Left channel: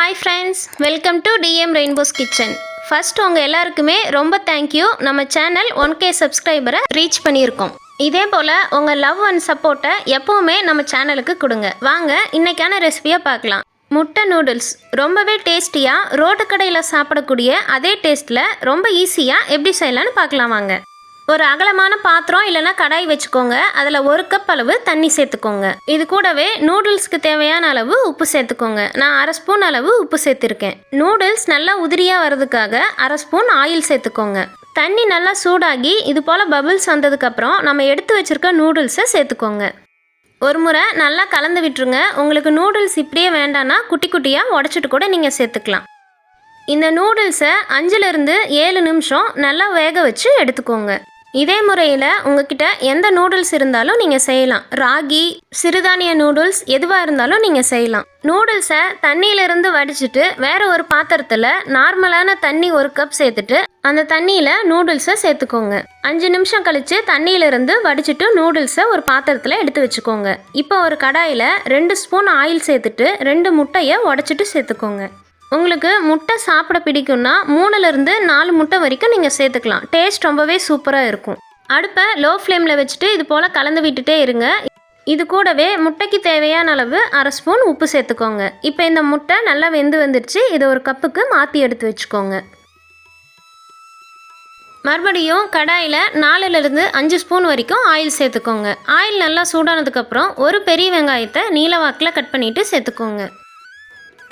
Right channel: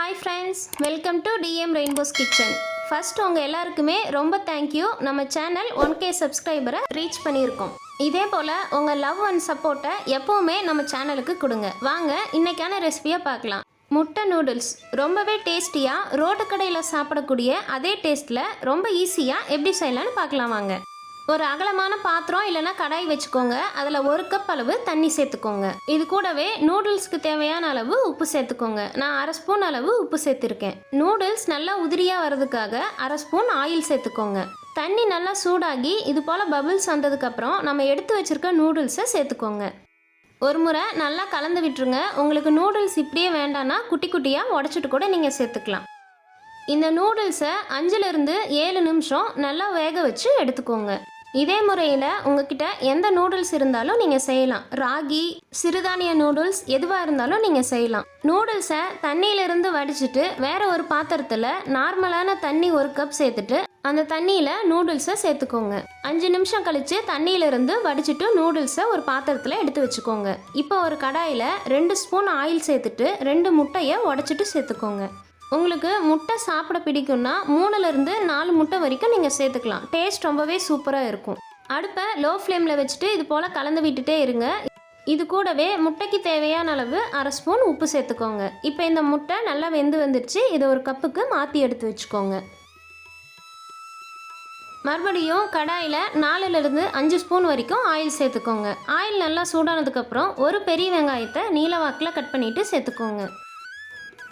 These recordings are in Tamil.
Hi friends welcome to TM rainbows kitchen first உங்கள் எல்லாருக்குமே ரொம்ப தேங்க்யூ நம்ம சேனல் ஒன் கே சப்ஸ்கிரைபரை ரீச் பண்ணியிருக்கோம். இதே போல் உங்கள் லவ் அண்ட் சப்போர்ட்டை எப்போவுமே நம்ம சேனலுக்கு கொடுங்க. வாங்க இன்றைக்கான ரெசிபியை பார்க்கலாம். முட்டை நூடுல்ஸ் ரொம்பவே டேஸ்டியாக ரோட்டு கடையில் சாப்பிடக்கூடிய அதே டேஸ்ட்டில் ரொம்ப ஈஸியாக எப்படி செய்யலான்னு பார்க்கலாம் வாங்க. ஒரு அகலமான பாத்திரம் இல்லைன்னா கடாய் வச்சுக்கோங்க. அதில் ஒரு கப் அளவு தண்ணி சேர்த்துக்கோங்க. இது கூடவே நூடுல்ஸ்க்கு தேவையான அளவு உப்பு சேர்த்துக்கோங்க. நான் அரை ஸ்பூன் அளவு உப்பு சேர்த்துருக்கேன். நூடுல்ஸ் நல்லா உதிரியாக வர்றதுக்காக அரை ஸ்பூன் ஆயில் சேர்த்துக்கோங்க. தண்ணி நல்லா சூடாகி இது போல் பபிள்ஸ் வந்ததுக்கப்புறம் நம்ம எடுத்து வச்சிருக்க நூடுல்ஸை சேர்த்துக்கோங்க. ஒரு முறை நல்லா கலந்து விட்டுருங்க. உங்களுக்கு நூடுல்ஸ் இப்படியே வேண்டான்னா குட்டி குட்டியாக உடச்சிட்டு கூட நீங்கள் சேர்த்துக்கலாம். இந்த நூடுல்ஸை அஞ்சுலேருந்து ஏழு நிமிஷம் நல்லா வேக வச்சு எடுத்துக்கோங்க. இதே முறையில் உங்ககிட்ட எந்த நூடுல்ஸ் இருந்தாலும் நீங்கள் செய்யலாம். ராகி சிறுதானிய நூடுல்ஸ் எதுவாக இருந்தாலும் நீங்கள் செய்யலாம். நூடுல்ஸை தண்ணியிலிருந்து வடிச்சிட்டு வேற ஒரு பாத்திரத்தில் நார்மலான தண்ணி ஒரு கப் சேர்த்துட்டு அந்த தண்ணியில் நூடுல்ஸை சேர்த்துக்கோங்க. அஞ்சு நிமிஷம் கழித்து தண்ணியிலிருந்து வடிச்சிட்டு நூடுல்ஸை ஒரு பாத்திரத்தில் எடுத்து வச்சுக்கோங்க. இப்போ ஒரு கடாயில் ரெண்டு ஸ்பூன் ஆயில் சேர்த்துட்டு ரெண்டு முட்டையை உடச்சிட்டு சேர்த்துக்கோங்க. உங்களுக்கு முட்டை சாப்பிட பிடிக்கும்னா மூணுலேருந்து நாலு முட்டை வரைக்கும் நீங்கள் சேர்த்துக்கலாம். டேஸ்ட் ரொம்பவே சூப்பராக இருக்கும். அடுப்பை லோ ஃப்ளேமில் வச்சுட்டு இது போல் கலந்து விட்டுட்டே இருங்க. இது கூடவே முட்டைக்கு தேவையான அளவு அரை ஸ்பூன் உப்பு சேர்த்துக்கோங்க. இப்போ இந்த முட்டை நல்லா வெந்து வந்துடுச்சு இதை ஒரு கப்புக்கு மாற்றி எடுத்து வச்சுக்கோங்க. மறுபடியும் கடாயில் நாலுலேருந்து அஞ்சு ஸ்பூன் வரைக்கும் ஆயில் சேர்த்துக்கோங்க. ஆயில் நல்லா சூடானதுக்கப்புறம் ஒரு பெரிய வெங்காயத்தை நீல வாக்கில் கட் பண்ணிவிட்டு சேர்த்துக்கோங்க.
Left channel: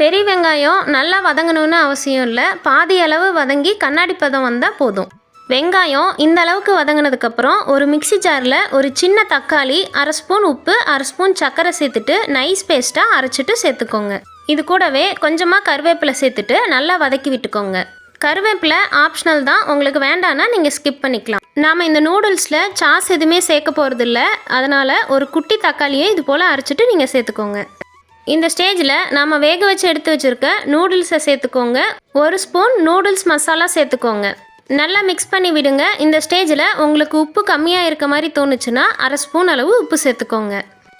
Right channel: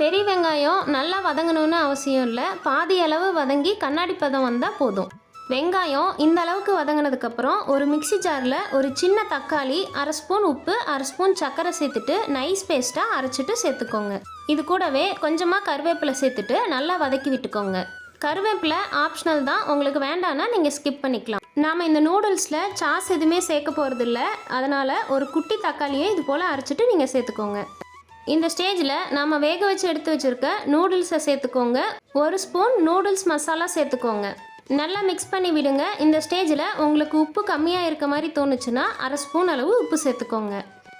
பெரிய வெங்காயம் நல்லா வதங்கணும்னு அவசியம் இல்லை. பாதி அளவு வதங்கி கண்ணாடி பதம் வந்தால் போதும். வெங்காயம் இந்த அளவுக்கு வதங்கினதுக்கப்புறம் ஒரு மிக்ஸி ஜாரில் ஒரு சின்ன தக்காளி அரை ஸ்பூன் உப்பு அரை ஸ்பூன் சர்க்கரை சேர்த்துட்டு நைஸ் பேஸ்ட்டாக அரைச்சிட்டு சேர்த்துக்கோங்க. இது கூடவே கொஞ்சமாக கருவேப்பிலை சேர்த்துட்டு நல்லா வதக்கி விட்டுக்கோங்க. கருவேப்பிலை ஆப்ஷனல் தான். உங்களுக்கு வேண்டான்னா நீங்கள் ஸ்கிப் பண்ணிக்கலாம். நாம் இந்த நூடுல்ஸில் சாஸ் எதுவுமே சேர்க்க போகிறதில்ல அதனால் ஒரு குட்டி தக்காளியை இது போல் அரைச்சிட்டு நீங்கள் சேர்த்துக்கோங்க. இந்த ஸ்டேஜில் நாம் வேக வச்சு எடுத்து வச்சுருக்க நூடுல்ஸை சேர்த்துக்கோங்க. ஒரு ஸ்பூன் நூடுல்ஸ் மசாலா சேர்த்துக்கோங்க. நல்லா மிக்ஸ் பண்ணி விடுங்க. இந்த ஸ்டேஜில் உங்களுக்கு உப்பு கம்மியாக இருக்க மாதிரி தோணுச்சுன்னா அரை ஸ்பூன் அளவு உப்பு சேர்த்துக்கோங்க.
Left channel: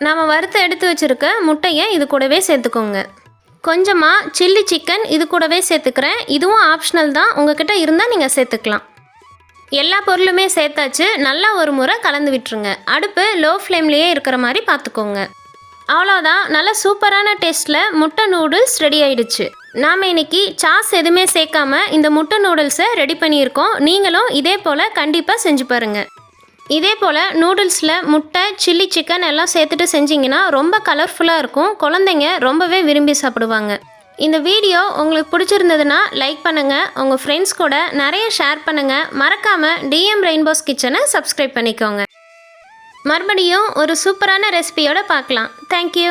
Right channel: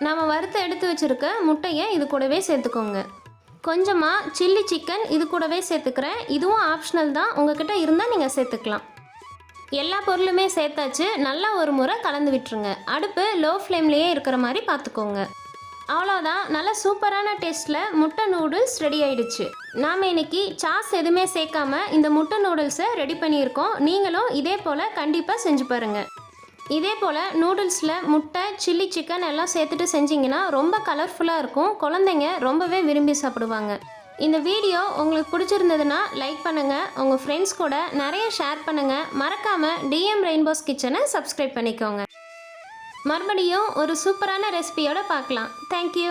நாம் வறுத்து எடுத்து வச்சுருக்க முட்டையை இது கூடவே சேர்த்துக்கோங்க. கொஞ்சமாக சில்லி சிக்கன் இது கூடவே சேர்த்துக்கிறேன். இதுவும் ஆப்ஷனல் தான். உங்ககிட்ட இருந்தால் நீங்கள் சேர்த்துக்கலாம். எல்லா பொருளுமே சேர்த்தாச்சு. நல்லா ஒரு முறை கலந்து விட்டுருங்க. அடுப்பு லோ ஃப்ளேம்லேயே இருக்கிற மாதிரி பார்த்துக்கோங்க. அவ்வளோதான் நல்ல சூப்பரான டேஸ்ட்டில் முட்டை நூடுல்ஸ் ரெடி ஆயிடுச்சு. நாம் இன்னைக்கு சாஸ் எதுவுமே சேர்க்காம இந்த முட்டை நூடுல்ஸை ரெடி பண்ணியிருக்கோம். நீங்களும் இதே போல் கண்டிப்பாக செஞ்சு பாருங்கள் இதே போல் நூடுல்ஸில் முட்டை சில்லி சிக்கன் எல்லாம் சேர்த்துட்டு செஞ்சிங்கன்னா ரொம்ப கலர்ஃபுல்லாக இருக்கும். குழந்தைங்க ரொம்பவே விரும்பி சாப்பிடுவாங்க. இந்த வீடியோ உங்களுக்கு பிடிச்சிருந்ததுன்னா லைக் பண்ணுங்கள் உங்கள் ஃப்ரெண்ட்ஸ் கூட நிறைய ஷேர் பண்ணுங்கள் மறக்காமல் டிஎம் ரெயின்போஸ் கிச்சனை சப்ஸ்கிரைப் பண்ணிக்கோங்க. மறுபடியும் ஒரு சூப்பரான ரெசிபியோட பார்க்கலாம். தேங்க்யூ